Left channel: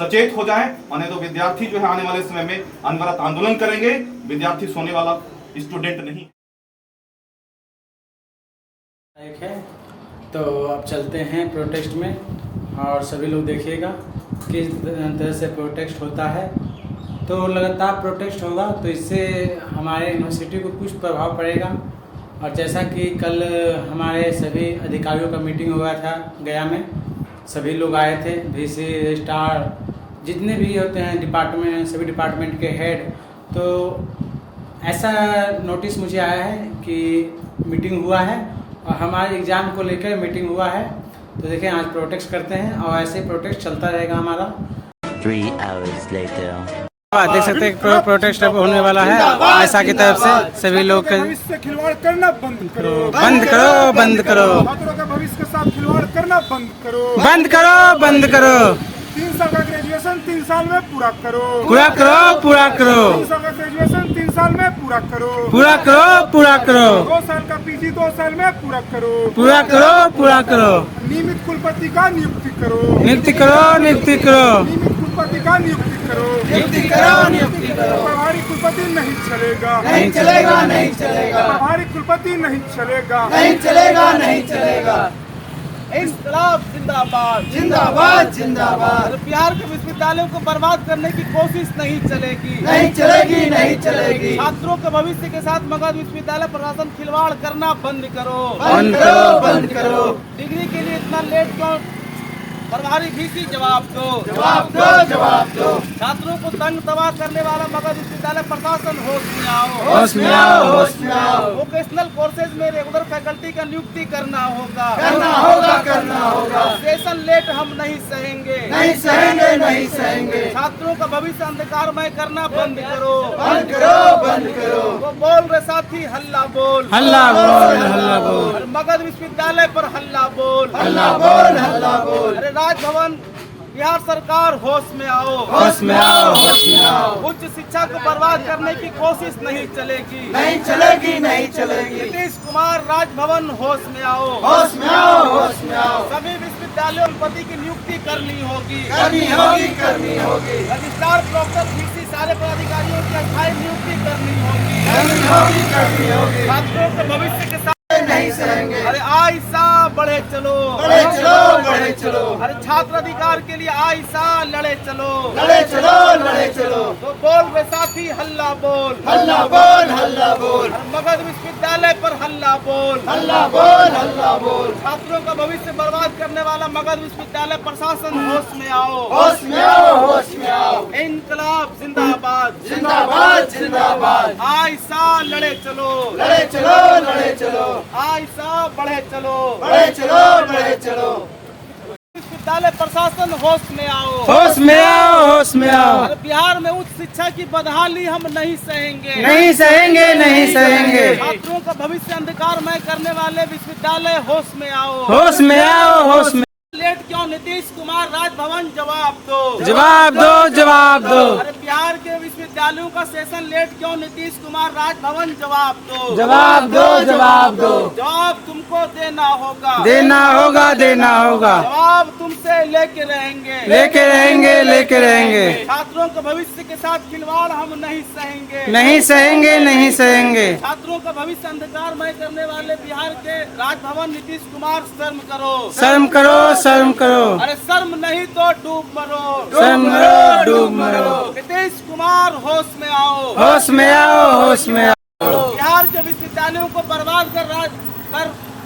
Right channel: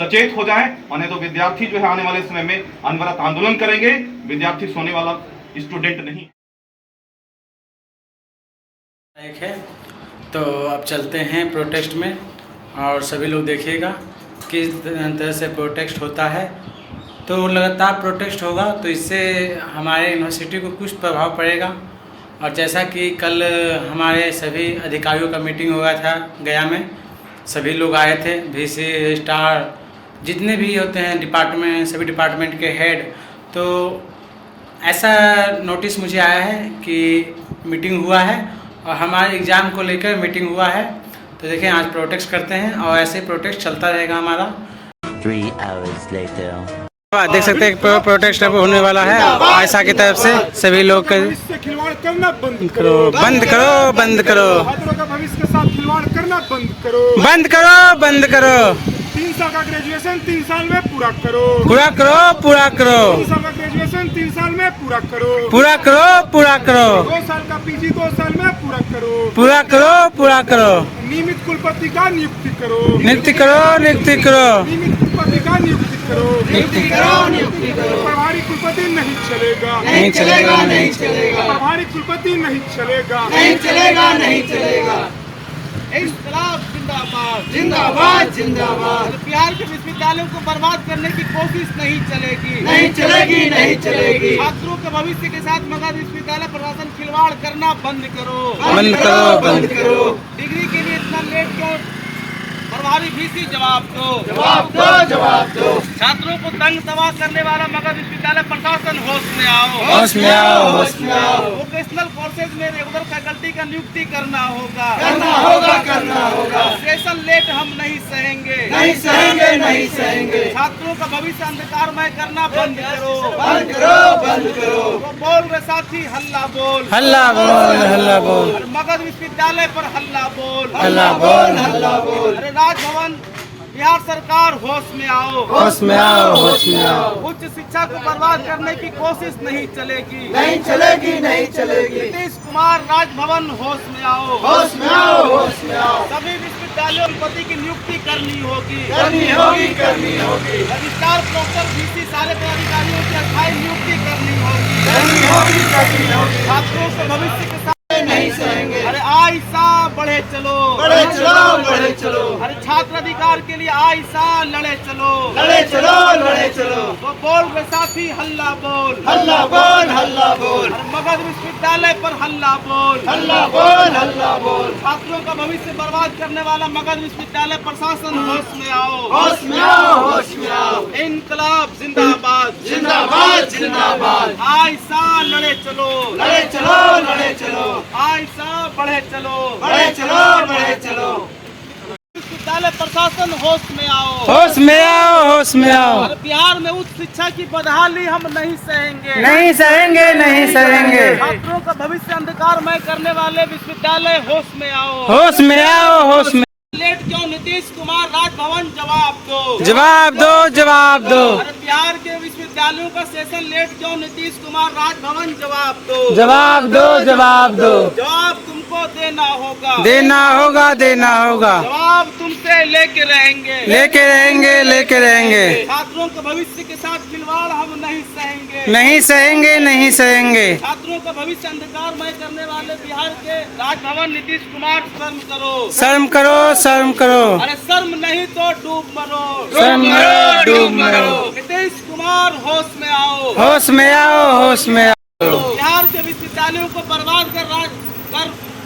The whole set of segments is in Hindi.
सचेत हो जाएं, और नहीं तो विद्यार्थी जो है आने वाले समय में अनवरत आंदोलन करेंगे। विद्यार्थी सोने वाला स्टूडेंट नहीं है। तो अब चलते हैं प्रोटेस्ट में, और सभी लोग देखिएगा किस तरह से प्रोटेस्ट होता है। तो लगातार प्रोटेस्ट होगा तो इससे हमारे यूनिवर्सिटी को कुछ प्रभाव पड़ेगा। और जैसा कि कल हमारे सभी अधिकारियों का मीटिंग हुआ था गया में, सभी लोग आए थे, वीसी, रजिस्ट्रार, जितने भी होते हैं डिपार्टमेंट, सभी डिपार्टमेंट के हेड। तो ऐसा नोटिस मुझे आया है कि मीटिंग हुआ है और हमारे एग्ज़ाम को लेकर मीटिंग हुआ है। तो देखिए आज प्रोटेस्ट करते हैं और ऐसे प्रोटेस्ट चलता रहेगा हमारा। 3 hours later. देख सकते हैं प्रोटेस्ट अब होने वाला है आयशा की तरफ से। सभी लोग के भविष्य खिलवाड़ करना बंद करो, बंद करो, बंद करो, छात्रों का भविष्य के साथ खिलवाड़ करना बंद करो, बंद करो, बंद करो, 3 साल का ग्रेजुएशन 3 साल में पूरा करो, पूरा करो, पूरा करो, 3 साल का ग्रेजुएशन 3 साल में पूरा करो, पूरा करो, पूरा करो, 2 साल का पीजी 2 साल में पूरा करो, पूरा करो, पूरा करो, नियमित कुलपति का नियुक्ति करो, नियुक्ति करो, नियुक्ति करो, नियमित कुलपति का नियुक्ति करो, नियुक्ति करो, नियुक्ति करो। प्रभारी कुलपति नहीं चलेगा, नहीं चलेगा, नहीं चलेगा, प्रभारी कुलपति नहीं चलेगा, नहीं चलेगा, नहीं चलेगा। इंकलाब जिंदाबाद, जिंदाबाद, जिंदाबाद। बिहार के विश्वविद्यालयों को बर्बाद करने की कोशिश नहीं चलेगी, नहीं चलेगी, नहीं चलेगी। छात्रों के भविष्य के साथ मगध विश्वविद्यालय प्रशासन खिलवाड़ करना बंद करो, बंद करो, बंद करो। डिग्री के लिए इतना लेट क्यों? प्रभारी वीसी जवाब दो, जवाब दो, जवाब दो। छात्रों को तंग तबाह करने वाला मगध विश्वविद्यालय प्रशासन होश में आओ, होश में आओ, होश में आओ। वोकेशनल कोर्सेज में रेगुलर फैकल्टी का नियुक्ति करना होगा, करना होगा, करना होगा। सेशन लेट हम नहीं सहेंगे, नहीं सहेंगे, नहीं सहेंगे। छात्रों का भविष्य अंधकारमय करना बंद करो, बंद करो, बंद करो। वो बोल रहे साथी हल्ला बोल, हल्ला बोल, हल्ला बोल, अरे मगध विश्वविद्यालय पर हल्ला बोल, हल्ला बोल, हल्ला बोल। अरे राजभवन बिहार सरकार होश में आओ, होश में आओ, होश में आओ। उच्च शिक्षा को बर्बाद करने की कोशिश नहीं चलेगी, नहीं चलेगी, नहीं चलेगी। नीतीश कुमार राजभवन होश में आओ, होश में आओ, होश में आओ। सभी विश्वविद्यालयों में पति की नियुक्ति करनी होगी, करनी होगी, करनी होगी, रजिस्ट्रार, प्रोक्टर, वीसी सारे पदाधिकारियों की अस्थायी नियुक्ति करनी होगी, करनी होगी, करनी होगी। छात्रों के भविष्य के साथ नहीं सहेंगे। अरे आयशा बढ़े चलो, बढ़े चलो, बढ़े चलो। अरे छात्र अधिकार के लिए आयशा लड़े चलो, लड़े चलो, लड़े चलो। तो बोल रहे साथी हल्ला बोल, हल्ला बोल, हल्ला बोल, अरे मगध विश्वविद्यालय पर हल्ला बोल, हल्ला बोल, हल्ला बोल। छात्रों का भविष्य बर्बाद करने वाला मगध विश्वविद्यालय प्रशासन होश में आओ, होश में आओ, होश में आओ। इंकलाब जिंदाबाद, जिंदाबाद, जिंदाबाद। आयशा लड़े चलो, लड़े चलो, लड़े चलो, आयशा बढ़े चलो, बढ़े चलो, बढ़े चलो। विश्वविद्यालय प्रशासन होश में आओ, होश में आओ, होश में आओ। अरे बिहार में उच्च शिक्षा की बदहाली हम नहीं सहेंगे, नहीं सहेंगे, नहीं सहेंगे। छात्रों का भविष्य अंधकारमय करने वाले विश्वविद्यालय होश में आओ, होश में आओ, होश में। लेट क्यों? नीतीश कुमार राजभवन जवाब दो, जवाब दो, जवाब दो। अरे बिहार के विश्वविद्यालयों का सेशन लेट क्यों? नीतीश कुमार राजभवन जवाब दो, जवाब दो, जवाब दो। जवाब तुमको देना होगा, देना होगा, देना होगा। जवाब तुमसे लेके रहेंगे, लेके रहेंगे, लेके रहेंगे। छात्रों के भविष्य के साथ खिलवाड़ हम नहीं सहेंगे, नहीं सहेंगे, नहीं सहेंगे। छात्रों का भविष्य अंधकारमय करने वाले बिहार के राजभवन नीतीश कुमार शर्म करो, शर्म करो, शर्म करो। अरे शर्म नहीं तो डूब मरो, शर्म करो, डूब मरो। नीतीश कुमार होश में आओ, होश में आओ, होश में आओ। बिहार के विश्वविद्यालयों को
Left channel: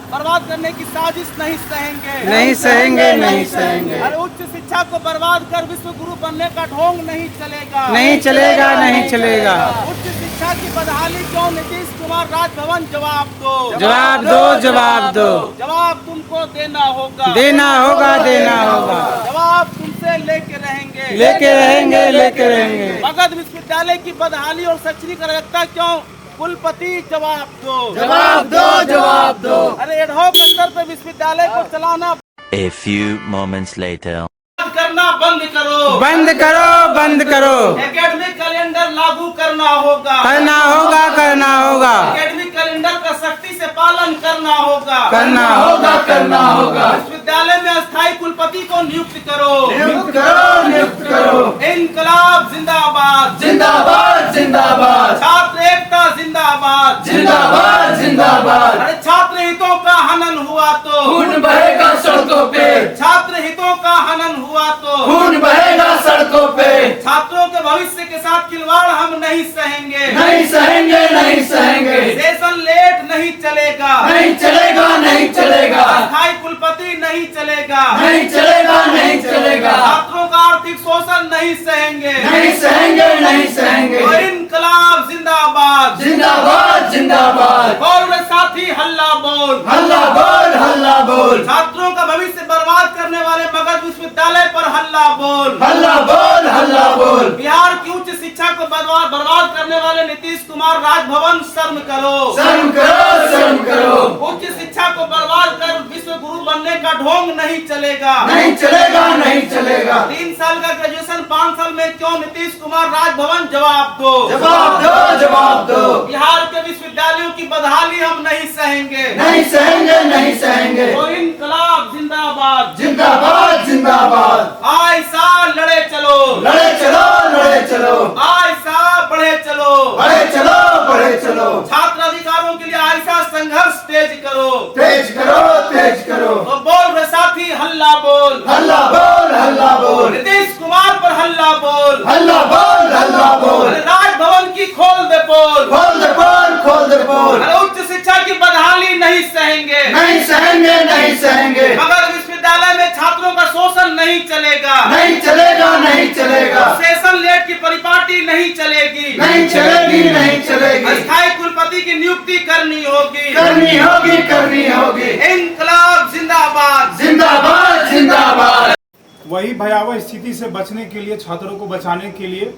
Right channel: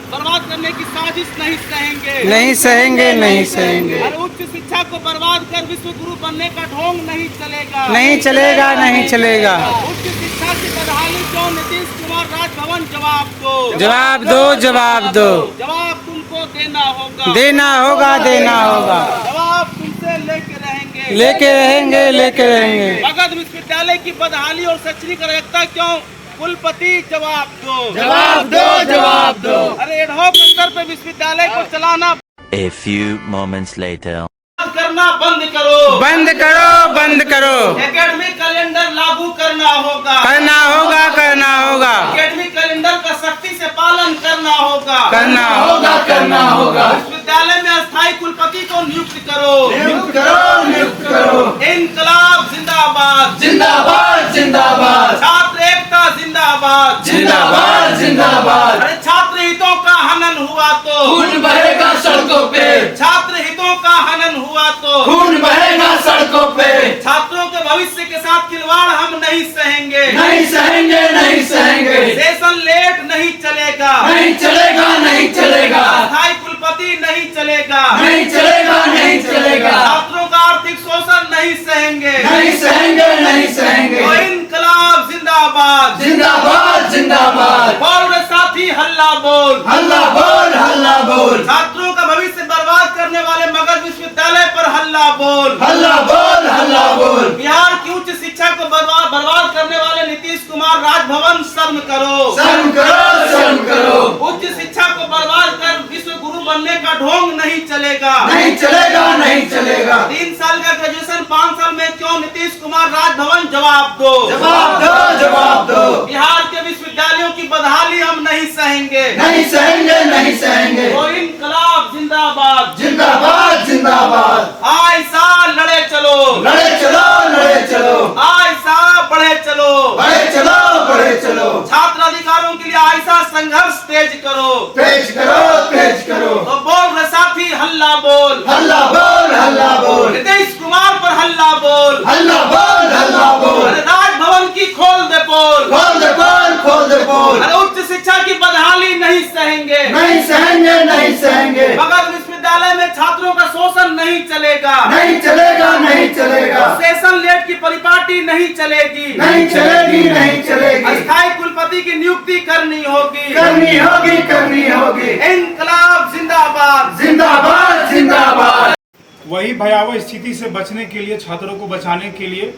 बर्बाद करने की साजिश नहीं सहेंगे, नहीं सहेंगे, नहीं सहेंगे। अरे उच्च शिक्षा को बर्बाद कर विश्व गुरु बनने का ढोंग नहीं चलेगा, नहीं चलेगा, नहीं चलेगा। उच्च शिक्षा की बदहाली को नीतीश कुमार राजभवन जवाब दो, जवाब दो, जवाब दो। जवाब तुमको देना होगा, देना होगा, देना होगा। जवाब तुमसे लेके रहेंगे, लेके रहेंगे, लेके रहेंगे। मगध विश्वविद्यालय की बदहाली और शैक्षणिक अराजकता क्यों? कुलपति जवाब दो, जवाब दो, जवाब दो। अरे एडहॉक स्तर पे विश्वविद्यालय को चलाना A few moments later. करना बंद करो, बंद करो, बंद करो। एकेडमिक कैलेंडर लागू करना होगा, करना होगा, करना होगा। एकेडमिक कैलेंडर का सख्ती से पालन करना होगा, करना होगा, करना होगा। विश्वविद्यालय में अस्थायी कुलपति को नियुक्त करो, नियुक्त करो, नियुक्त करो। इनकलाब जिंदाबाद, जिंदाबाद, जिंदाबाद, छात्र एकता जिंदाबाद, जिंदाबाद, जिंदाबाद। अरे छात्र हितों का हनन हुआ तो खून बहेगा सड़कों पे, छात्र हितों का हनन हुआ तो खून बहेगा सड़कों पे। छात्रों के भविष्य के साथ खिलवाड़ हम नहीं सहेंगे, नहीं सहेंगे, नहीं सहेंगे। सेशन लेट नहीं चलेगा, नहीं चलेगा, नहीं चलेगा, अस्थायी कुलपति नहीं चलेगा, नहीं चलेगा, नहीं चलेगा। छात्रों का आर्थिक शोषण नहीं सहेंगे, नहीं सहेंगे, नहीं सहेंगे। और इनकलाब जिंदाबाद, जिंदाबाद, जिंदाबाद। बोल रे साथी हल्ला बोल, हल्ला बोल, हल्ला बोल। छात्रों का भविष्य बर्बाद करने वाले मगध विश्वविद्यालय पर हल्ला बोल, हल्ला बोल, हल्ला बोल। बिहार की उच्च शिक्षा को बर्बाद करने वाले नीतीश कुमार राजभवन शर्म करो, शर्म करो, शर्म करो। उच्च शिक्षा को बर्बाद कर विश्व गुरु बनने का ढोंग नहीं चलेगा, नहीं चलेगा, नहीं चलेगा। 3 साल का ग्रेजुएशन 5 साल में क्यों? नीतीश कुमार राजभवन जवाब दो, जवाब दो, जवाब दो। बिहार के विश्वविद्यालयों की बदहाली हम नहीं सहेंगे, नहीं सहेंगे, नहीं सहेंगे। और इनकलाब जिंदाबाद, जिंदाबाद, जिंदाबाद। आयशा लड़े चलो, लड़े चलो, लड़े चलो। आयशा बढ़े चलो, बढ़े चलो, बढ़े चलो। छात्र अधिकारों के लिए आयशा संघर्ष तेज करो, तेज करो, तेज करो। तो बोल रे साथी हल्ला बोल, हल्ला बोल, हल्ला बोल। नीतीश कुमार पर हल्ला बोल, हल्ला बोल, हल्ला बोल। अरे राजभवन की खोल दे पोल, खोल दे पोल, खोल दे पोल। अरे उच्च शिक्षा की बदहाली नहीं सहेंगे, नहीं सहेंगे, नहीं सहेंगे। मगध विश्वविद्यालय में छात्रों का शोषण नहीं चलेगा, नहीं चलेगा, नहीं चलेगा। सेशन लेट की परिपाटी नहीं चलेगी, नहीं चलेगी, नहीं चलेगी। अस्थायी कुलपति की नियुक्ति करनी होगी, करनी होगी, करनी होगी। इनकलाब जिंदाबाद, जिंदाबाद, जिंदाबाद। वही भयावह स्थिति से बचने के लिए, छात्रों को बचाने के लिए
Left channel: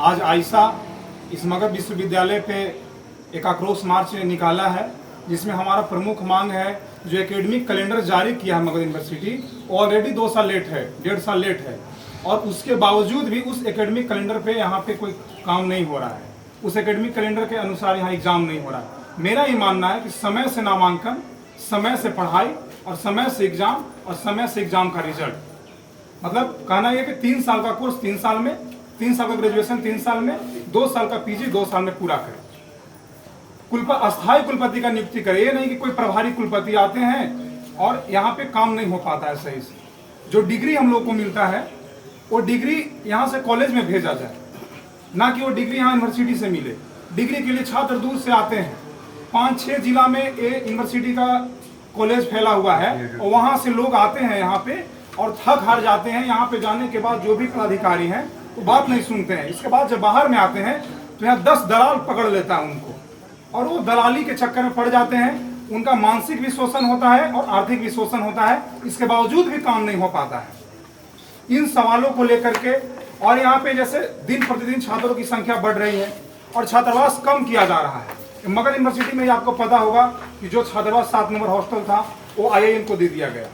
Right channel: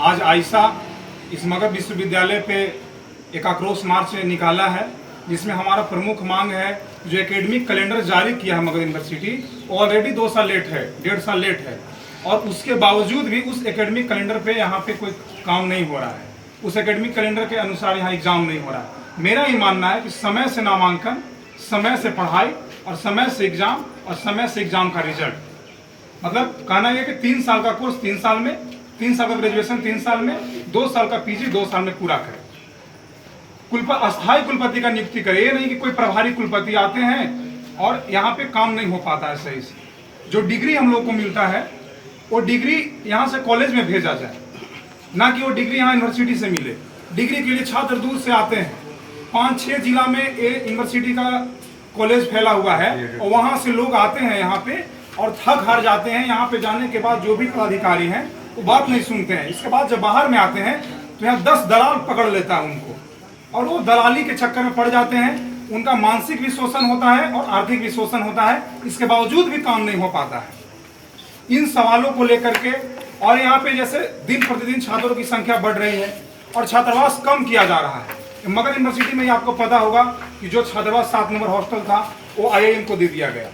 आज आयशा इस मगध विश्वविद्यालय पे एक आक्रोश मार्च निकाला है, जिसमें हमारा प्रमुख मांग है जो एकेडमिक कैलेंडर जारी किया है मगध यूनिवर्सिटी, ऑलरेडी 2 साल लेट है, 1.5 साल लेट है, और उसके बावजूद भी उस एकेडमिक कैलेंडर पे यहाँ पे कोई काम नहीं हो रहा है, उस एकेडमिक कैलेंडर के अनुसार यहाँ एग्जाम नहीं हो रहा है। मेरा ये मानना है कि समय से नामांकन, समय से पढ़ाई और समय से एग्जाम और समय से एग्जाम का रिजल्ट, मतलब कहना यह कि 3 साल का कोर्स 3 साल में, 3 साल का ग्रेजुएशन 3 साल में, 2 साल का पीजी 2 साल में पूरा करें। अस्थायी कुलपति का नियुक्ति करे, ये नहीं कि कोई प्रभारी कुलपति आते हैं और यहाँ पे काम नहीं हो पाता है सही से। जो डिग्री हम लोग को मिलता है वो डिग्री यहाँ से कॉलेज में भेजा जाए, ना कि वो डिग्री यहाँ यूनिवर्सिटी से मिले। डिग्री के लिए छात्र दूर से आते हैं, 5-6 जिला में यूनिवर्सिटी का कॉलेज फैला हुआ है और वहाँ से लोग आते हैं यहाँ पे और थक हार जाते हैं। यहाँ पे जाने के बाद जो भी पदाधिकारी हैं वो बात नहीं सुनते हैं। इसके बाद जब बाहर में आते हैं तो यहाँ 10 दलाल पकड़ लेता है उनको, और वो दलाली के चक्कर में पड़ जाते हैं। उनका मानसिक भी शोषण होता है और आर्थिक भी शोषण होता है, इसके बावजूद भी काम नहीं हो पाता है। इन सवालों को लेकर के, और यहाँ पे जैसे दिन प्रतिदिन छात्रों की संख्या बढ़ रही है और छात्रावास कम किया जा रहा है। मगध यूनिवर्सिटी में आपको पता होगा कि जो छात्रावास 7 नंबर हॉस्टल था वो IIM को दे दिया गया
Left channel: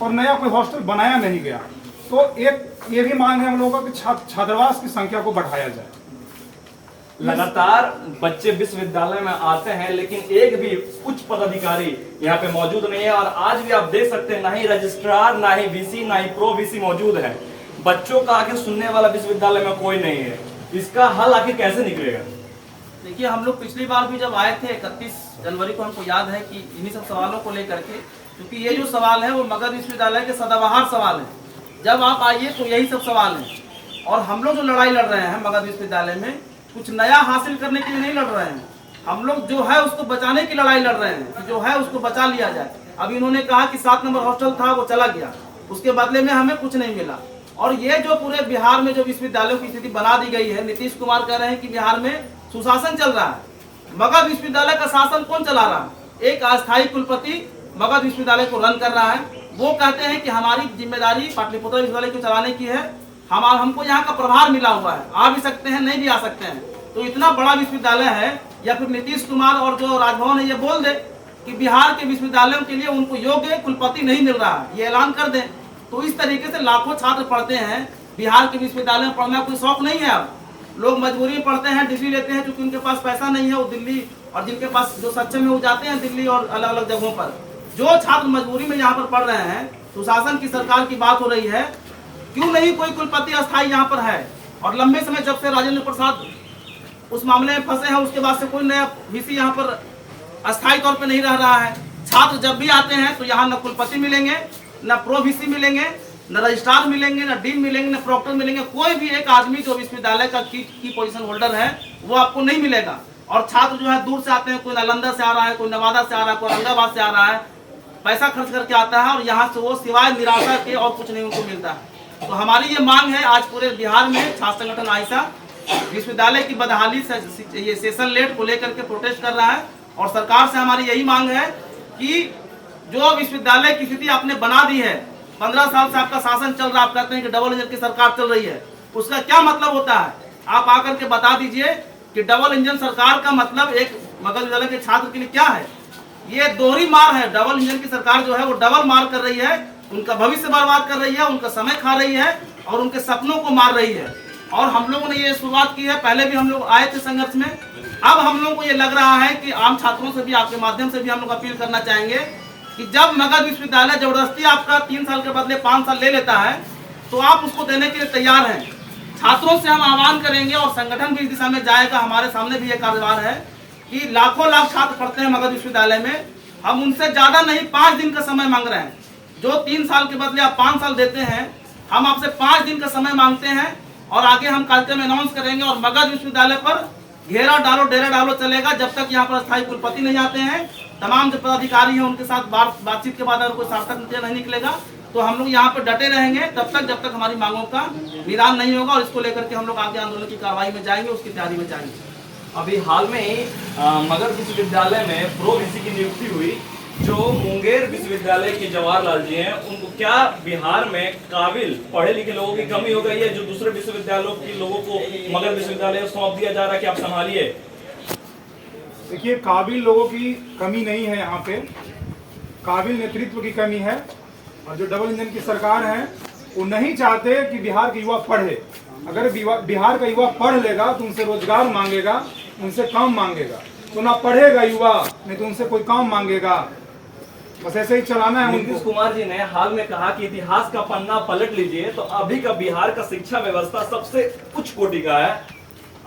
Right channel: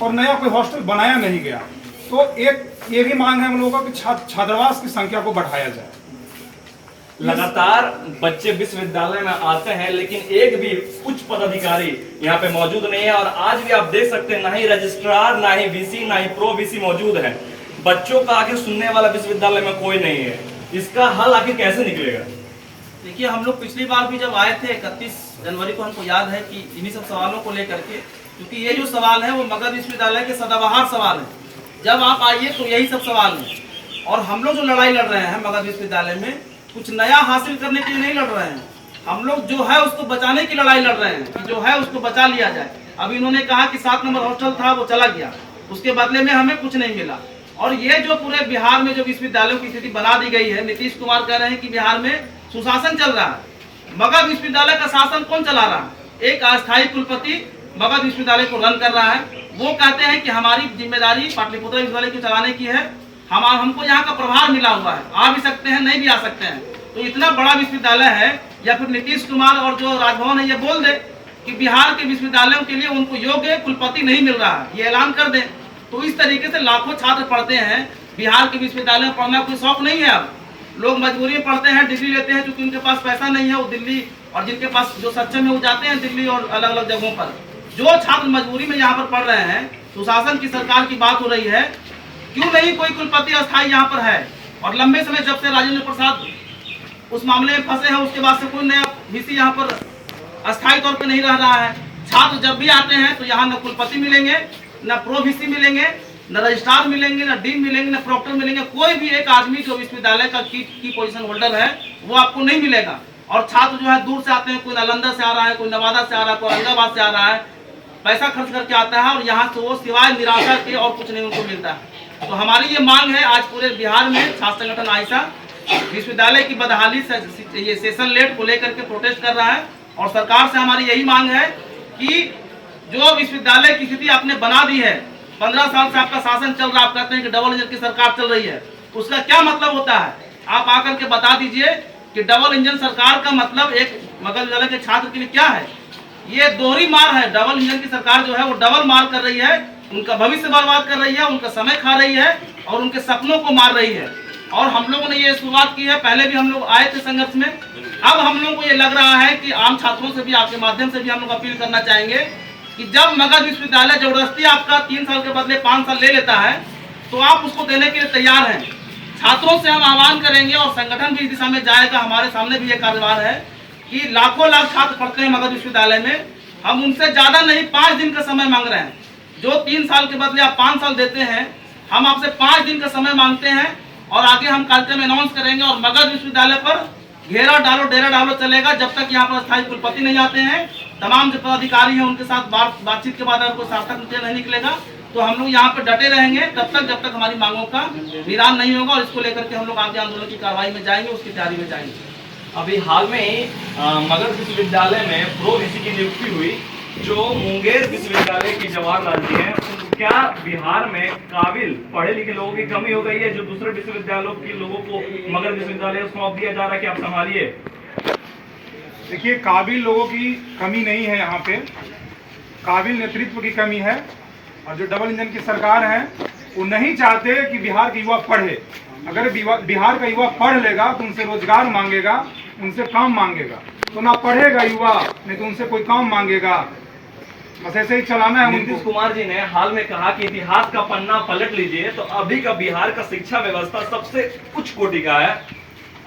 और नया कोई हॉस्टल बनाया नहीं गया। तो एक ये भी मांग है हम लोगों की छात्रावास की संख्या को बढ़ाया जाए। लगातार बच्चे विश्वविद्यालय में आते हैं लेकिन एक भी उच्च पदाधिकारी यहाँ पे मौजूद नहीं है, और आज भी आप देख सकते हैं ना ही रजिस्ट्रार, ना ही VC, ना ही प्रो VC मौजूद है। बच्चों का आखिर सुनने वाला विश्वविद्यालय में कोई नहीं है। इसका हल आखिर कैसे निकलेगा? देखिए, हम लोग पिछली बार भी जब आए थे 31 जनवरी को, हमको याद है कि इन्हीं सब सवालों को लेकर के, क्योंकि ये जो सवाल है वो मगध विश्वविद्यालय के सदाबहार सवाल है। जब आप आइए तो यही सब सवाल है, और हम लोग जो लड़ाई लड़ रहे हैं मगध विश्वविद्यालय में, कुछ नया हासिल करने के लिए नहीं लड़ रहे हैं। हम लोग जो है उसको बचाने की लड़ाई लड़ रहे हैं कि जो है उसको बचा लिया जाए। अभी इन्होंने कहा कि 7 नंबर हॉस्टल था वो चला गया, उसके बदले में हमें कुछ नहीं मिला। और ये जो पूरे बिहार में जो विश्वविद्यालयों की स्थिति बना दी गई है, नीतीश कुमार कह रहे हैं कि बिहार में सुशासन चल रहा है। मगध विश्वविद्यालय का शासन कौन चला रहा है? एक अस्थायी कुलपति मगध विश्वविद्यालय को रन कर रहा है। वो कहते हैं कि हमारी जिम्मेदारी पाटलिपुत्र विश्वविद्यालय को चलाने की है, हमको यहाँ का प्रभार मिला हुआ है, आ भी सकते हैं, नहीं भी आ सकते हैं। तो इतना बड़ा विश्वविद्यालय है, या फिर नीतीश कुमार और जो राजभवन है ये बोल दे कि बिहार के विश्वविद्यालयों के लिए उनको योग्य कुलपति नहीं मिल रहा है, ये ऐलान कर दें। तो इस तरीके से लाखों छात्र पढ़ते हैं बिहार के विश्वविद्यालय में। पढ़ना कोई शौक नहीं है, अब लोग मजबूरी में पढ़ते हैं, डिग्री लेते हैं, क्योंकि उनके पास पैसा नहीं है, वो दिल्ली और जिनके पास जो सक्षम है वो जाते हैं दिल्ली और अलग अलग जगहों पर। जो छात्र मजबूरी में यहाँ पर पढ़ रहे हैं, सुशासन की सरकार की बात हो रही है, क्यों नहीं कोई कुलपति अस्थायी यहाँ पर है? और लंबे समय जब से राजेंद्र प्रसाद उस मामले में फंसे हैं, उसके बाद से कोई नया वीसी यहाँ पर अस्थायी तौर पर नहीं रह रहा है। छात्र जब भी आते हैं तो यहाँ न कुलपति मिलेंगे, न प्रो वीसी मिलेंगे, न रजिस्ट्रार मिलेंगे, न डीन मिलेंगे, न प्रोक्टर मिलेंगे। कोई भी एक आदमी जो विश्वविद्यालय का की पोजीशन होल्डर है वो आपको नहीं मिलेगा। और छात्र जो है दूर से आते हैं, कोई नालंदा से आ रहा है, कोई नवादा से आ रहा है, कोई औरंगाबाद से आ रहा है, पैसा खर्च करके आता है और यहाँ से वो सिवाय निराशा के और कुछ नहीं उनको मिलता है। तो हमारी ये मांग है, आज पूरे बिहार में छात्र संगठन आइसा विश्वविद्यालय की बदहाली से ये सेशन लेट को लेकर के प्रोटेस्ट कर रहा है। और सरकार से हमारी यही मांग है कि जो विश्वविद्यालय की स्थिति आपने बना दी है, 15 साल से आपका शासन चल रहा है, आप कहते हैं कि डबल इंजन की सरकार चल रही है, उसका क्या मतलब होता है? आप आकर के बता दीजिए कि डबल इंजन सरकार का मतलब एक मगध विद्यालय के छात्र के लिए क्या है। ये दोहरी मार है। डबल इंजन की सरकार जो है वो डबल मार कर रही है, उनका भविष्य बर्बाद कर रही है, उनका समय खा रही है और उनके सपनों को मार रही है। और हम लोगों ने ये शुरुआत की है, पहले भी हम लोग आए थे संघर्ष में। अब हम लोगों को ये लग रहा है कि आम छात्रों से भी, आपके माध्यम से भी हम लोग अपील करना चाहेंगे कि जब मगध विश्वविद्यालय जबरदस्ती आपका 3 साल के बदले 5 साल ले लेता है तो आप उसको देने के लिए तैयार हैं। छात्रों से हम आह्वान करेंगे और संगठन भी इस दिशा में जाएगा। हमारे सामने भी एक कार्यभार है कि लाखों लाख छात्र पढ़ते हैं मगध विश्वविद्यालय में, हम उनसे ज्यादा नहीं 5 दिन का समय मांग रहे हैं। जो 3 साल के बदले आप 5 साल देते हैं, हम आपसे 5 दिन का समय मांगते हैं और आगे हम कार्यक्रम अनाउंस करेंगे और मगध विश्वविद्यालय पर घेरा डालो डेरा डालो चलेगा जब तक यहाँ पर स्थायी कुलपति नहीं आते हैं। तमाम जो पदाधिकारी हैं उनके साथ बातचीत के बाद अगर कोई सार्थक नतीजा नहीं निकलेगा तो हम लोग यहाँ पर डटे रहेंगे तब तक हमारी मांगों का निदान नहीं होगा। और इसको लेकर के हम लोग आगे आंदोलन की कार्रवाई में जाएंगे, उसकी तैयारी में जाएंगे। अभी हाल में ही मगध विश्वविद्यालय में प्रो वीसी की नियुक्ति हुई। जो मुंगेर विश्वविद्यालय की जवाहरलाल जी हैं, उनको क्या बिहार में काबिल पढ़े लिखे लोगों की कमी हो गई है जो दूसरे विश्वविद्यालयों के लोगों को मगध विश्वविद्यालय सौंप दिया जा रहा है कि आप संभालिए? देखिए, काबिल लोगों की कमी नहीं है, यहाँ पे काबिल नेतृत्व की कमी है। और जो डबल इंजन की सरकार है वो नहीं चाहते कि बिहार के युवा पढ़े। अगर बिहार का युवा पढ़ लेगा तो उनसे रोजगार मांगेगा, उनसे काम मांगेगा, तो ना पढ़ेगा युवा, नहीं तो उनसे कोई काम मांगेगा। बस ऐसे ही चलाना है। नीतीश कुमार जी ने हाल में कहा कि इतिहास का पन्ना पलट लीजिए तो अभी का बिहार का शिक्षा व्यवस्था सबसे उच्च कोटि का है।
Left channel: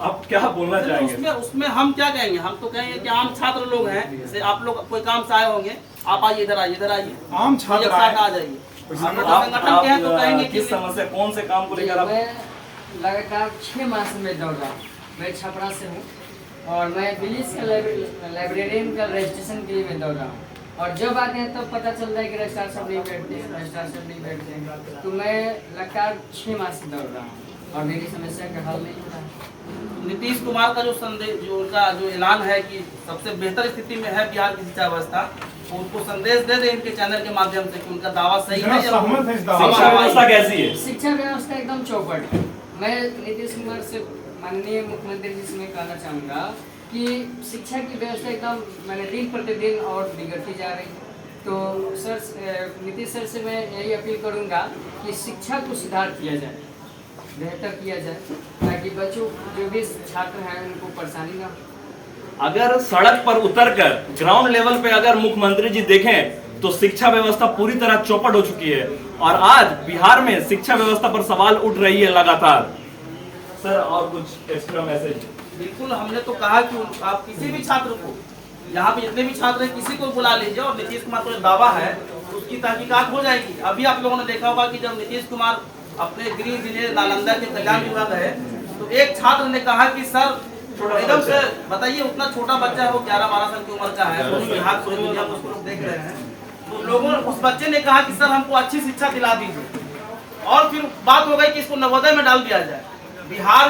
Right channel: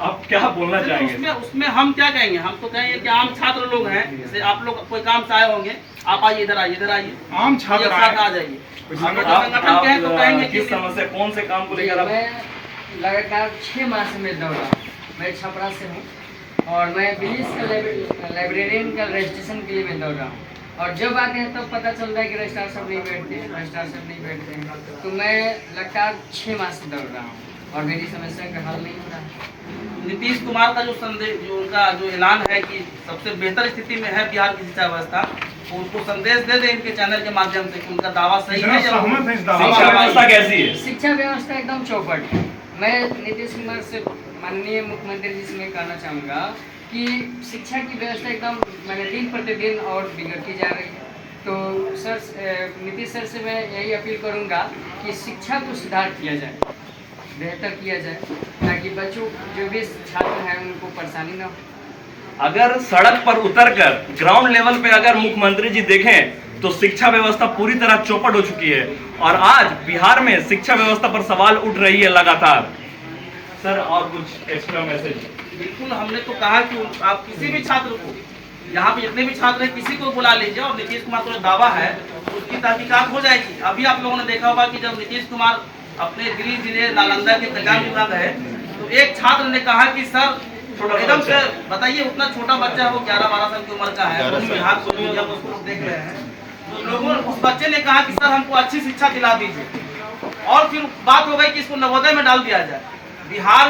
आप क्या बोलना चाहेंगे? उसमें हम क्या कहेंगे? हम तो कहेंगे कि आम छात्र लोग हैं, जैसे आप लोग कोई काम से आए होंगे, आप आइए, इधर आइए, आम छात्र आ जाइए। संगठन के हैं तो कहेंगे किस समस्या, कौन से काम को लेकर? मैं लगातार 6 माह से मैं दौड़ रहा हूँ। मैं छपरा से हूँ और मैं बिलीस का लाइब्रेरियन का रजिस्ट्रेशन के लिए मैं दौड़ रहा हूँ। और जब आते हैं तब पता चलता है कि रजिस्ट्रार सब नहीं बैठते हैं, तो मैं लगातार 6 माह से दौड़ रहा हूँ और मेरी समस्या का हल नहीं हो रहा है। नीतीश कुमार का जो संदेश, जो उनका जो ऐलान है कि सबसे बेहतर स्थिति में है बिहार की शिक्षा व्यवस्था, तो उनको संदेश दे दें इनके चैनल के माध्यम से कि उनका दावा सही है। शिक्षा व्यवस्था कैसी है? शिक्षा व्यवस्था एकदम चौपट है। मैं नीतीश कुमार से, माननीय मुख्यमंत्री जी से मैं कहना चाहूँगा कि शिक्षा की व्यवस्था एकदम मैंने दिन प्रतिदिन और बिगड़ती जा रही है। तो सर, नीतीश सर से मैं यही अपील करूँगा कि शिक्षा को सुधार किया जाए, बेहतर किया जाए, ताकि बच्चों जो भी छात्र हैं उनको परेशानी ना हो। अगर सड़क पर उतरकर ग्राउंड लेवल पे अगर मुख्यमंत्री जी देखें तो शिक्षा व्यवस्था पूरी तरह चौपट हो चुकी है और आज बिहार में शिक्षा व्यवस्था पर सवाल उठ रही है लगातार। सर, और कुछ एक्स्ट्रा मैसेज? बिल्कुल, हमने तो कहा कि आप किसी भी छात्र को, यहाँ पे जितने भी छात्र हैं, किसी को बुला लीजिए और नीतीश कुमार का जो दावा है उसकी तहकीकात हो जाएगी। अभी आप लोगों ने देखा होगा कि जब नीतीश कुमार अपने गृह जिले नालंदा के खजान विभाग है तो एक छात्र ने कहा कि सर एकदम से बताइए, उतना छोटा बच्चा है, वो 11-12 साल की उम्र का है, बिहार पूरी दुनिया में उसको लोग देख रहे हैं, तो लोगों ने, उस बच्चे ने कहा कि सर हमको अच्छी शिक्षा दिला दीजिए। और फिर बात हो गई कि इसको नवोदय में डाल दिया जाए। बिहार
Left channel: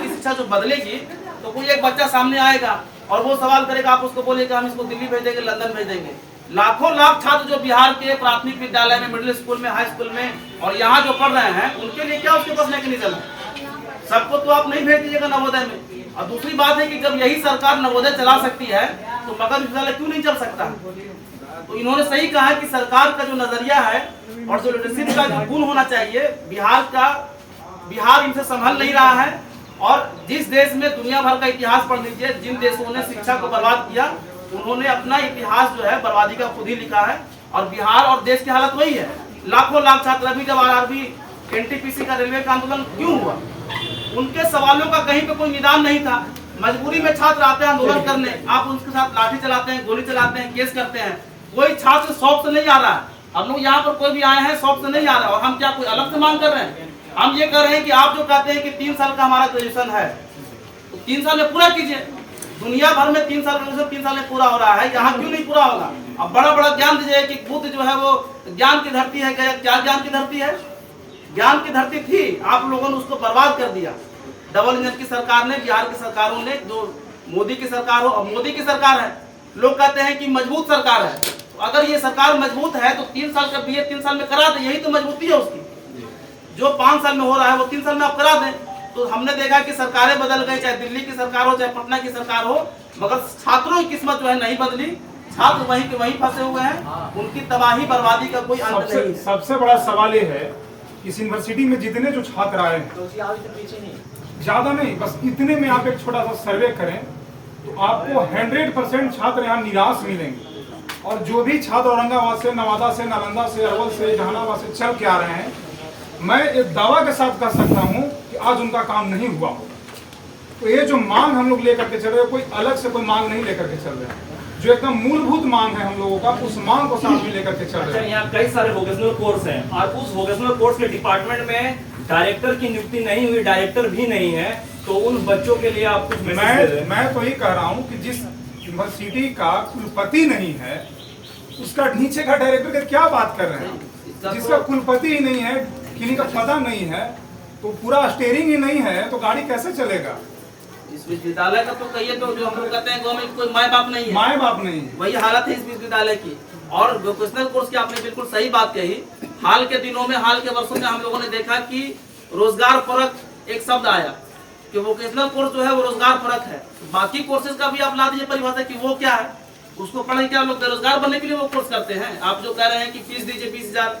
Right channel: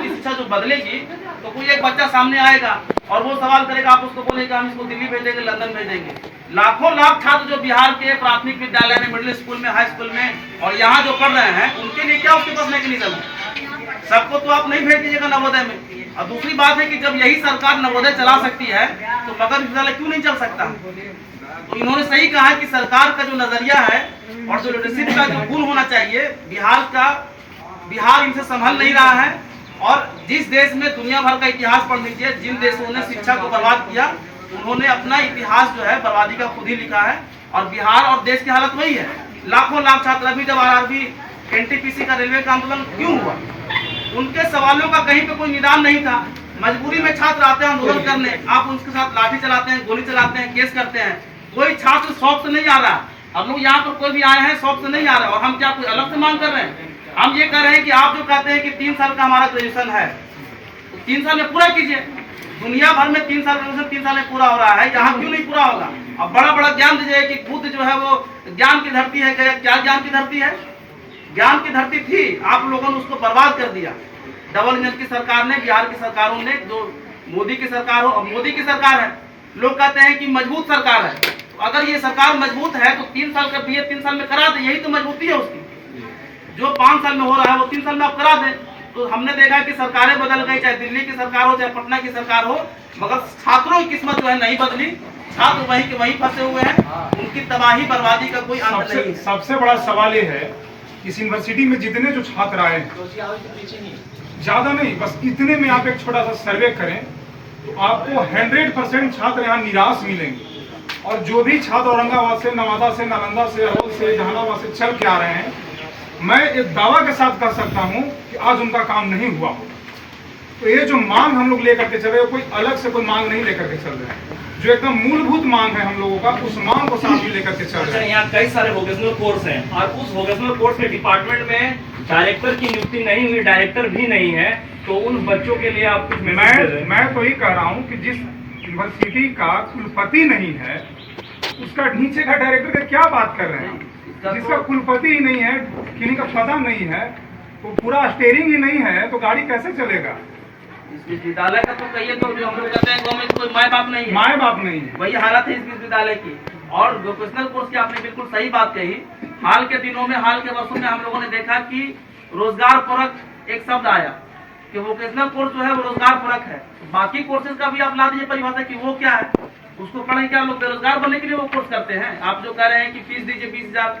की शिक्षा जो बदलेगी तो कोई एक बच्चा सामने आएगा और वो सवाल करेगा, आप उसको बोलेगा हम इसको दिल्ली भेज देंगे, लंदन भेज देंगे। लाखों लाख छात्र जो बिहार के प्राथमिक विद्यालय में, मिडिल स्कूल में, हाई स्कूल में और यहाँ जो पढ़ रहे हैं, उनके लिए क्या उसके पास मैकेनिज्म है? सबको तो आप नहीं भेज दीजिएगा नवोदय में। और दूसरी बात है कि जब यही सरकार नवोदय चला सकती है तो मगध विश्वविद्यालय क्यों नहीं चल सकता? तो इन्होंने सही कहा कि सरकार का जो नजरिया है और जो लीडरशिप का जो गुण होना चाहिए, बिहार इनसे संभल नहीं रहा है। और जिस देश में दुनिया भर का इतिहास पढ़ लीजिए, जिन देशों ने शिक्षा को बर्बाद किया उन्होंने अपना इतिहास जो है बर्बादी का खुद ही लिखा है। और बिहार और देश की हालत वही है। लाखों लाख छात्र अभी जब आरआरबी एनटीपीसी का रेलवे का आंदोलन क्यों हुआ, उनके सवालों का कहीं पे कोई निदान नहीं था। मजबूरी में छात्र आते हैं आंदोलन करने, आप उनके साथ लाठी चलाते हैं, गोली चलाते हैं, केस करते हैं। कोई छात्र शौक से नहीं आ रहा। हम लोग यहाँ पर कोई भी आए हैं शौक से नहीं आ रहा। और हम क्या कोई अलग से मांग कर रहे हैं? हम ये कर रहे हैं कि आप जो कहते हैं कि 3 साल का हमारा ग्रेजुएशन है, 3 साल में पूरा कीजिए। दुनिया भर में 3 साल ग्रेजुएशन 3 साल में पूरा हो रहा है, यहाँ क्यों नहीं पूरा होगा? अब बड़ा बड़ा ज्ञान दीजिए कि बुद्ध जो है वो ज्ञान की धरती है। क्या ज्ञान की धरती है? ज्ञान की धरती थी, आप लोगों ने उसको बर्बाद कर दिया। डबल इंजन की सरकार ने, बिहार की सरकारों ने, जो मोदी की सरकार हो, अब मोदी की सरकार है, लोग कहते हैं कि मजबूत सरकार है। तो अगर ये सरकार मजबूत है तो 3 साल का बीए 3 साल में करा दे, यही तो मजबूती है उसकी। जो 5 साल में हो रहा है वो 3 साल में आप करा दें। तो हमने देखा कि सरकारें बदल गई, चाहे दिल्ली की सरकार हो चाहे पटना की सरकार हो, मगर छात्रों की किस्मत जो है नहीं बदली। छात्र वहीं के वहीं फंसे हुए हैं, उनकी तबाही बर्बादी का कोई अंत नहीं है। सबसे बड़ा सवाल ये है, इस यूनिवर्सिटी में जितने जो छात्र आए हैं, ज्यादा नहीं, बस इतने में आप एक छोटा सा सर्वे करें तो आपको 100% छात्र यहाँ निराश मिलेंगे। और जो भी छात्र औरंगाबाद से, नवादा से, नालंदा से, अरवल से, जहानाबाद से चल के आ रहे हैं, मैं एक दावा के साथ कर सकता हूँ कि आज उनका काम नहीं हुआ होगा। तो ये जो मांग हम लोग लेकर के चल रहे हैं, कोई अलग से कोई मांग नहीं लेकर के चल रहे हैं, जो एकदम मूलभूत मांग है हम लोगों का, उस मांग को साथ में लेकर के चल रहे हैं। यहाँ कई सारे वोकेशनल कोर्स हैं और उस वोकेशनल कोर्स के डिपार्टमेंट में डायरेक्टर की नियुक्ति नहीं हुई, डायरेक्टर भी नहीं है, तो उन बच्चों के लिए आप कुछ मैं तो ये कह रहा हूँ कि जिस यूनिवर्सिटी का कुलपति नहीं है, उसका नीचे का डायरेक्टर का क्या बात कर रहे हैं? जिसका कुलपति ही नहीं है, किसी का पता नहीं है, तो पूरा स्टीयरिंग ही नहीं है, तो गाड़ी कैसे चलेगा? इस विश्वविद्यालय का तो कहिए तो जो हम लोग कहते हैं गवर्नमेंट कोई माए बाप नहीं है, माए बाप नहीं है, वही हालत है इस विश्वविद्यालय की। और वोकेशनल कोर्स की आपने बिल्कुल सही बात कही। हाल के दिनों में, हाल के वर्षों में हम लोगों ने देखा कि रोजगार परक एक शब्द आया कि वोकेशनल कोर्स जो है वो रोजगार परक है। बाकी कोर्सेज का भी आप ला दीजिए परिभाषा कि वो क्या है, उसको पढ़े क्या लोग बेरोजगार बनने के लिए वो कोर्स करते हैं। आप जो कह रहे हैं कि फीस दीजिए 20,000,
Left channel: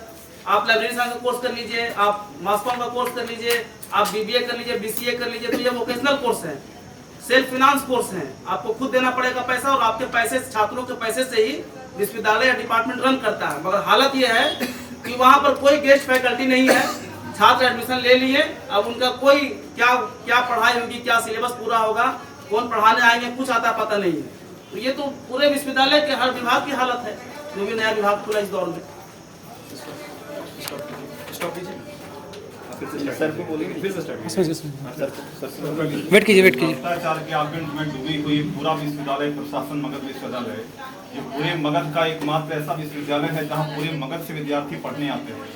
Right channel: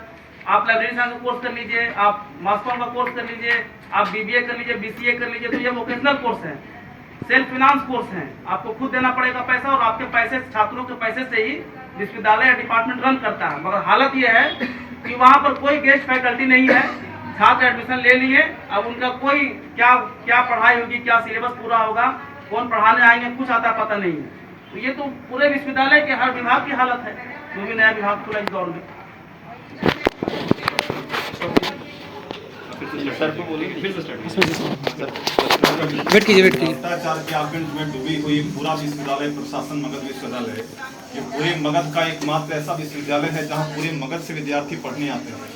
आप लाइब्रेरी साइंस का कोर्स कर लीजिए, आप मास कॉम का कोर्स कर लीजिए, आप बीबीए कर लीजिए, बीसीए कर लीजिए, तो ये वोकेशनल कोर्स है, सेल्फ फाइनेंस कोर्स है। आपको खुद देना पड़ेगा पैसा और आपके पैसे, छात्रों के पैसे से ही विश्वविद्यालय या डिपार्टमेंट रन करता है। मगर हालत ये है कि वहाँ पर कोई गेस्ट फैकल्टी नहीं है, छात्र एडमिशन ले लिए, अब उनका कोई क्या पढ़ाई होगी, क्या सिलेबस पूरा होगा, कौन पढ़ाने आएंगे, कुछ आता पता नहीं है। तो ये तो पूरे विश्वविद्यालय के हर विभाग की हालत है, जो भी नया विभाग खुला इस दौर में। वेट कीजिए भ्रष्टाचार के आगमन में डूबी हुई पूरा विश्वविद्यालय प्रशासन मगध विश्वविद्यालय है। ये पूरे मगध का एकमात्र ऐसा विश्वविद्यालय है जहाँ पूरे मगध से विद्यार्थी पढ़ने आते हैं,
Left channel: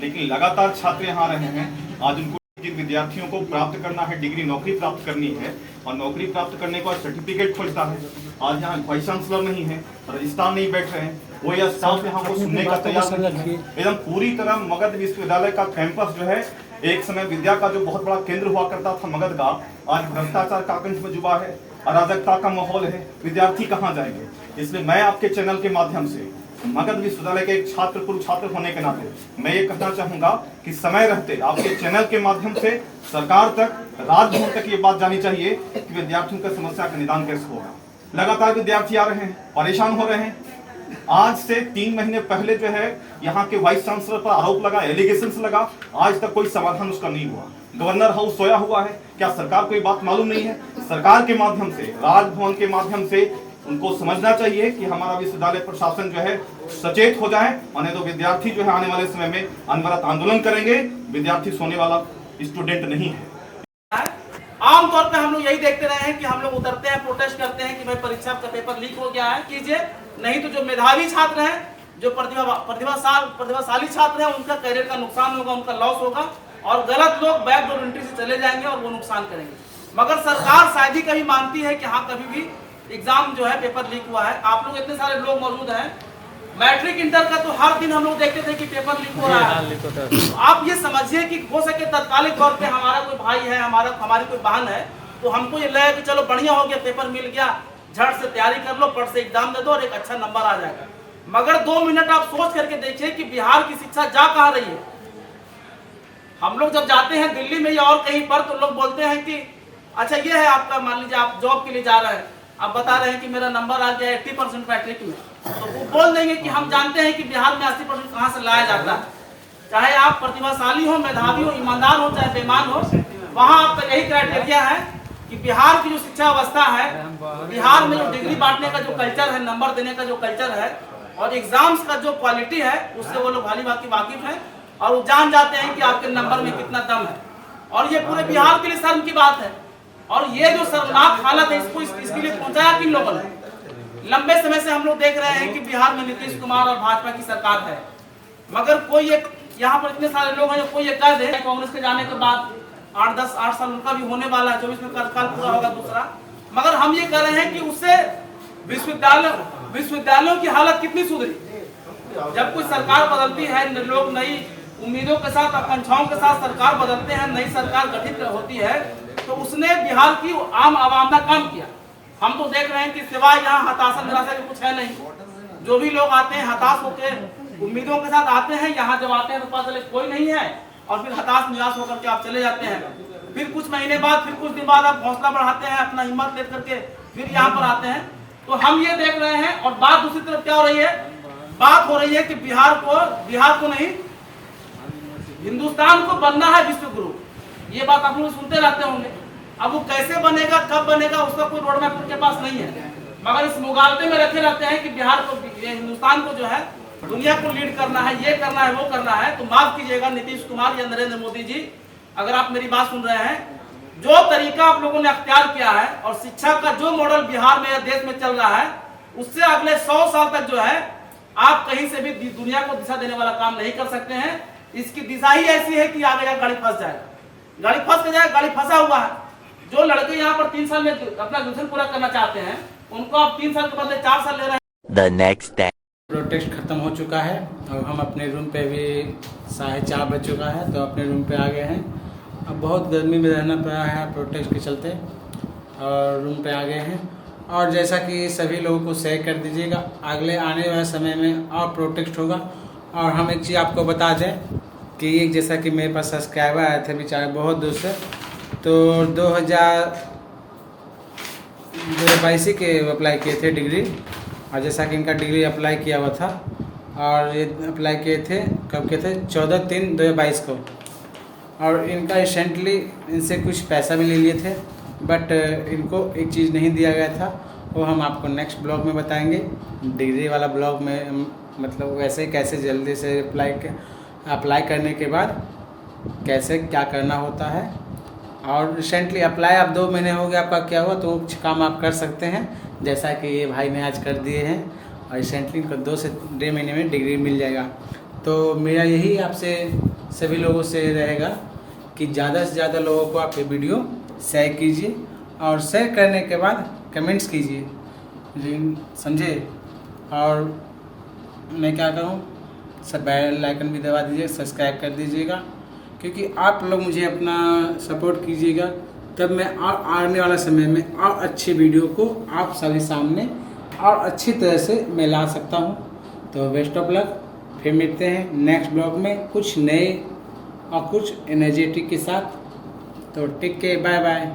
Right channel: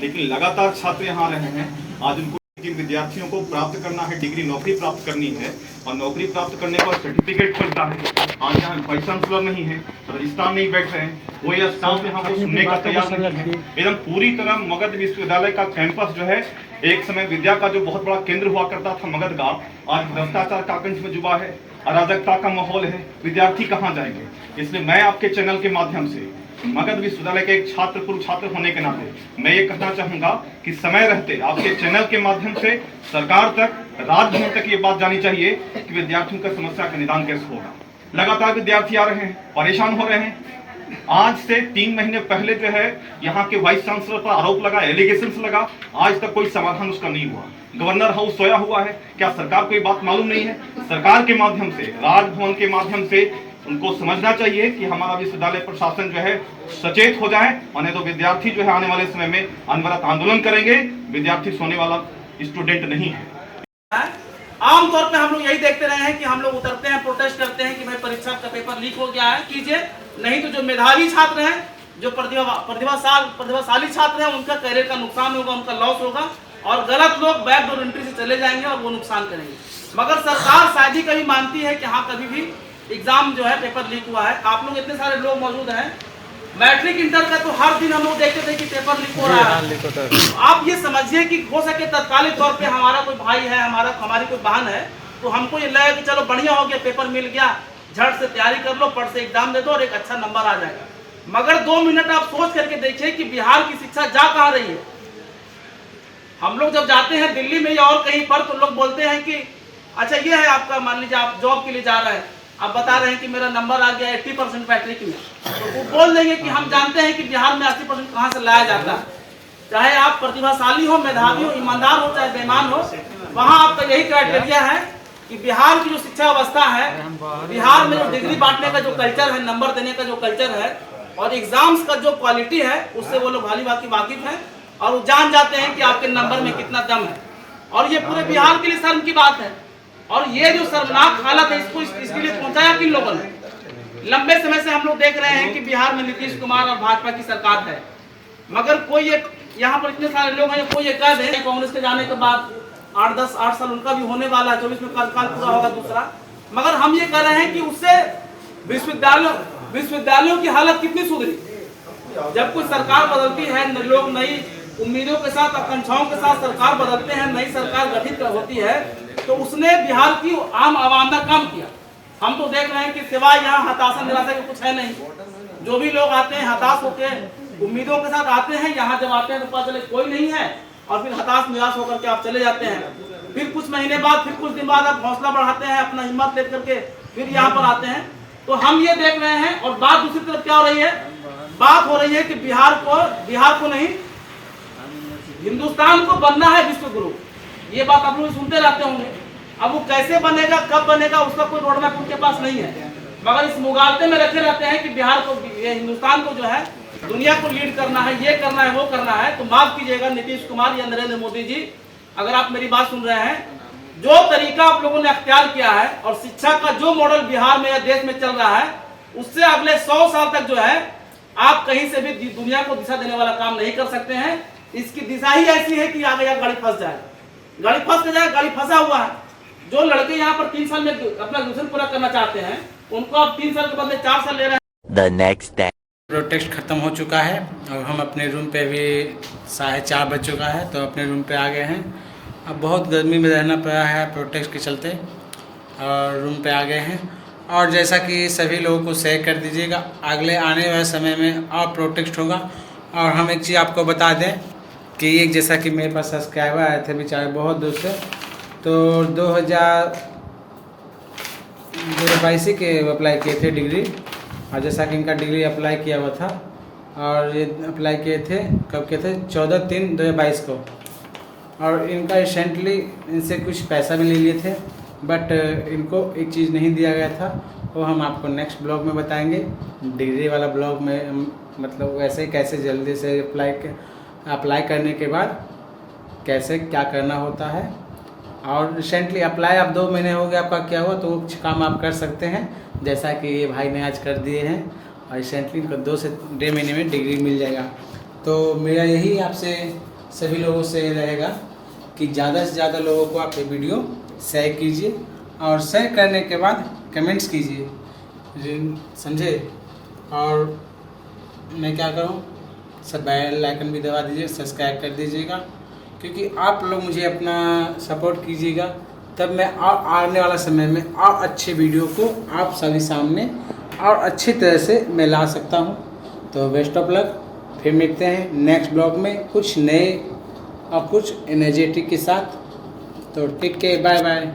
लेकिन लगातार छात्र यहाँ रहे हैं। आज उनको जिन विद्यार्थियों को प्राप्त करना है, डिग्री नौकरी प्राप्त करनी है, और नौकरी प्राप्त करने के बाद सर्टिफिकेट खोजता है, आज यहाँ वाइस चांसलर नहीं है, रजिस्ट्रार नहीं बैठ रहे हैं, वो या स्टाफ यहाँ वो सुनने का तैयार नहीं है। एकदम पूरी तरह मगध विश्वविद्यालय का कैंपस जो है, एक समय विद्या का जो बहुत बड़ा केंद्र हुआ करता था मगध का, आज भ्रष्टाचार का कंठ में जुबा है, अराजकता का माहौल है, विद्यार्थी कहाँ जाएंगे? इसलिए मैं आपके चैनल के माध्यम से मगध विश्वविद्यालय के एक पूर्व छात्र होने के नाते मैं ये कहना चाहूंगा कि समय रहते आपके चैनल के माध्यम से सरकार तक, राजभवन तक ये बात जानी चाहिए कि विद्यार्थियों की समस्या का निदान कैसे होगा। लगातार विद्यार्थी आ रहे हैं, परेशान हो रहे हैं। आज से 3 महीने पहले जो है यहाँ के वाइस चांसलर पर आरोप लगा, एलिगेशंस लगा, आज तक कोई समाधान उसका नहीं हुआ। गवर्नर हाउस सोया हुआ है, क्या सरकार को ये बात मालूम नहीं है? सरकार के माध्यम से, राजभवन के माध्यम से उनको समझना चाहिए कि हमारा विश्वविद्यालय प्रशासन जो है सचेत हो जाए, और नहीं तो विद्यार्थी जो है आने वाले समय में अनवरत आंदोलन करेंगे। विद्यार्थी सोने वाला स्टूडेंट नहीं है। आमतौर पे हम लोग यही देखते रहे हैं कि हम लोग उतरते हैं, प्रोटेस्ट करते हैं कि भाई परीक्षा का पेपर लीक हो गया है, कीजिए, नहीं तो जो मेधावी छात्र हैं, जो प्रतिभाशाली छात्र हैं, उनका करियर का नुकसान होगा, उनका लॉस होगा, और गलत लोग बैकडोर एंट्री से चले जाएंगे और वो नुकसान करेंगे। मगर सरकार शायद ही कभी मानती है कि हाँ कभी भी एग्जाम जो है पेपर लीक हुआ है। आप लोग इतने सारे लोग मौजूद हैं, मैट्रिक इंटर का तो हर दिन हम लोग देखते थे कि पेपर लीक हो रहा है। तो आप ये समझिए कि हो सके तत्कालिक तौर पे हमारा कोई भाई है, हमारी कोई बहन है, तो हमको ये लगे कि चलो बढ़िया हो गया, पेपर मिल गया, झट से तैयारी कर लो, पढ़ से एग्जाम दे दो और एक अच्छा नंबर आ जाएगा। मगर 2 मिनट आप सोच करके देखिए कि बिहार की शिक्षा जा कहाँ रही है। हम लोग जब जाते हैं दिल्ली में या और कहीं पर, तो लोग बोलते हैं कि अच्छा ये है आपका, मान लीजिए आप जॉब के लिए जा रहे हैं, आप बता रहे हैं कि मेरा नंबर आ गया 80% मैट्रिक में, तो वो बोल देंगे कि हम जानते हैं कि बिहार में 80% कहाँ से लाया जाता है। चाहे आप प्रतिभाशाली हो, मेधावी हो, ईमानदार हो, चाहे बेईमान हो, वहाँ आपका यही क्राइटेरिया है कि बिहार की जो शिक्षा व्यवस्था है, बिहार में जो डिग्री बांटने का जो कल्चर है, नंबर देने का जो कल्चर है और एग्जाम्स का जो क्वालिटी है, उससे वो लोग भली भांति वाकिफ है और वो जान जाते हैं कि आपके नंबर में कितना दम है। और ये पूरे बिहार के लिए शर्म की बात है। और ये जो शर्मनाक हालत है, इसके लिए पहुंचाया किन लोगों ने? लंबे समय से हम लोग देख रहे हैं कि बिहार में नीतीश कुमार और भाजपा की सरकार है, मगर कोई ये यहाँ पर इतने सारे लोग हैं, कोई ये कह दे कांग्रेस के जाने के बाद 8 साल उनका भी होने वाला है, 24 में कार्यकाल पूरा होगा दूसरा, मगर हम ये कह रहे हैं कि उससे विश्वविद्यालयों की हालत कितनी सुधरी। जब कोई सरकार बदलती है, लोग नई उम्मीदों के साथ, आकांक्षाओं के साथ सरकार बदलते हैं, नई सरकार गठित होती है, तो उसने बिहार की आम आवाम का काम किया। हम तो देख रहे हैं कि सिवाय यहाँ हताशा निराशा के कुछ है नहीं। जो भी लोग आते हैं हताश होकर उम्मीदों के साथ आते हैं, यहाँ जब आते हैं तो पता चले कोई नहीं है और फिर हताश निराश होकर के आप चले जाते हैं। फिर कुछ महीने बाद, फिर कुछ दिन बाद आप हौसला बढ़ाते हैं, अपना हिम्मत लेकर के फिर यहाँ पर आते हैं। तो हम ये देख रहे हैं। और बात दूसरी तरफ क्या हो रही है? बात हो रही है कि बिहार को नहीं, हिंदुस्तान को बनना है विश्व गुरु। ये बात आप लोग सुनते रहते होंगे। अब वो कैसे बनेगा, कब बनेगा, उसका कोई रोड मैप उनके पास नहीं है, मगर इस मुगालते में रखे रहते हैं कि बिहार को, ये हिंदुस्तान को जो है दुनिया को लीड करना है, ये करना है, वो करना है। तो माफ कीजिएगा नीतीश कुमार या नरेंद्र मोदी जी, अगर आप मेरी बात सुन रहे हैं, जो तरीका आप लोगों ने अख्तियार किया है और शिक्षा का जो मॉडल बिहार में या देश में चल रहा है, उससे अगले 100 साल तक जो है आप कहीं से भी दुनिया को दिशा देने वाला काम नहीं कर सकते हैं। इसकी दिशा ही ऐसी है कि आगे या गाड़ी फंस जाए, गाड़ी फंस जाए, गाड़ी फंसा हुआ है। जो लड़के यहाँ पर 3 साल में अपना ग्रेजुएशन पूरा करना चाहते हैं, उनको आप 3 साल के बदले 4 साल ले रहे हैं। The next day. प्रोटेस्ट ख़त्म हो चुका है और हम अपने रूम पे भी 4:30 बज चुका है, तो अपने रूम पे आ गए हैं। अब बहुत गर्मी में रहना पड़ा है प्रोटेस्ट के चलते, और रूम पे आ गए हैं। और जैसा कि सभी लोगों को शेयर कर दीजिएगा, अगले आने वाले समय में और प्रोटेस्ट होगा। और हम एक चीज़ आपको बता दें कि एक, जैसा कि मेरे पास सब्सक्राइबर आए थे बेचारे बहुत दूर से, तो 2022 के अप्लाई किए थे डिग्री, और जैसा कि इनका डिग्री अप्लाई किया हुआ था, और ये अप्लाई किए थे, कब किए थे? 14/3/2022 को। और इनका रिसेंटली इनसे कुछ पैसा भी ले लिए थे, बट इनको एक चीज़ नहीं दिया गया था, वो हम आपको नेक्स्ट ब्लॉग में बताएंगे। डिग्री वाला ब्लॉग में मतलब वैसे कैसे जल्दी से अप्लाई करने के बाद कैसे क्या करना होता है। और रिसेंटली अप्लाई आप 2 महीने हो गए आपका क्या हुआ, तो कुछ काम आप कर सकते हैं, जैसा कि ये भाई ने आज कर दिए हैं। और रिसेंटली इनको 2 से 1.5 महीने में डिग्री मिल जाएगा। तो मेरा यही आपसे सभी लोगों से रहेगा कि ज़्यादा से ज़्यादा लोगों को आप ये वीडियो शेयर कीजिए, और शेयर करने के बाद कमेंट्स कीजिए, समझे। और मैं क्या करूँ, सब बेल आइकन भी दबा दीजिए, सब्सक्राइब कर दीजिएगा, क्योंकि आप लोग मुझे अपना सपोर्ट कीजिएगा, तब मैं और आने वाला समय में और अच्छे वीडियो को आप सभी सामने और अच्छी तरह से मैं ला सकता हूँ। तो बेस्ट ऑफ लक, फिर मिलते हैं नेक्स्ट ब्लॉग में कुछ नए और कुछ एनर्जेटिक के साथ। तो टेक केयर, बाय बाय।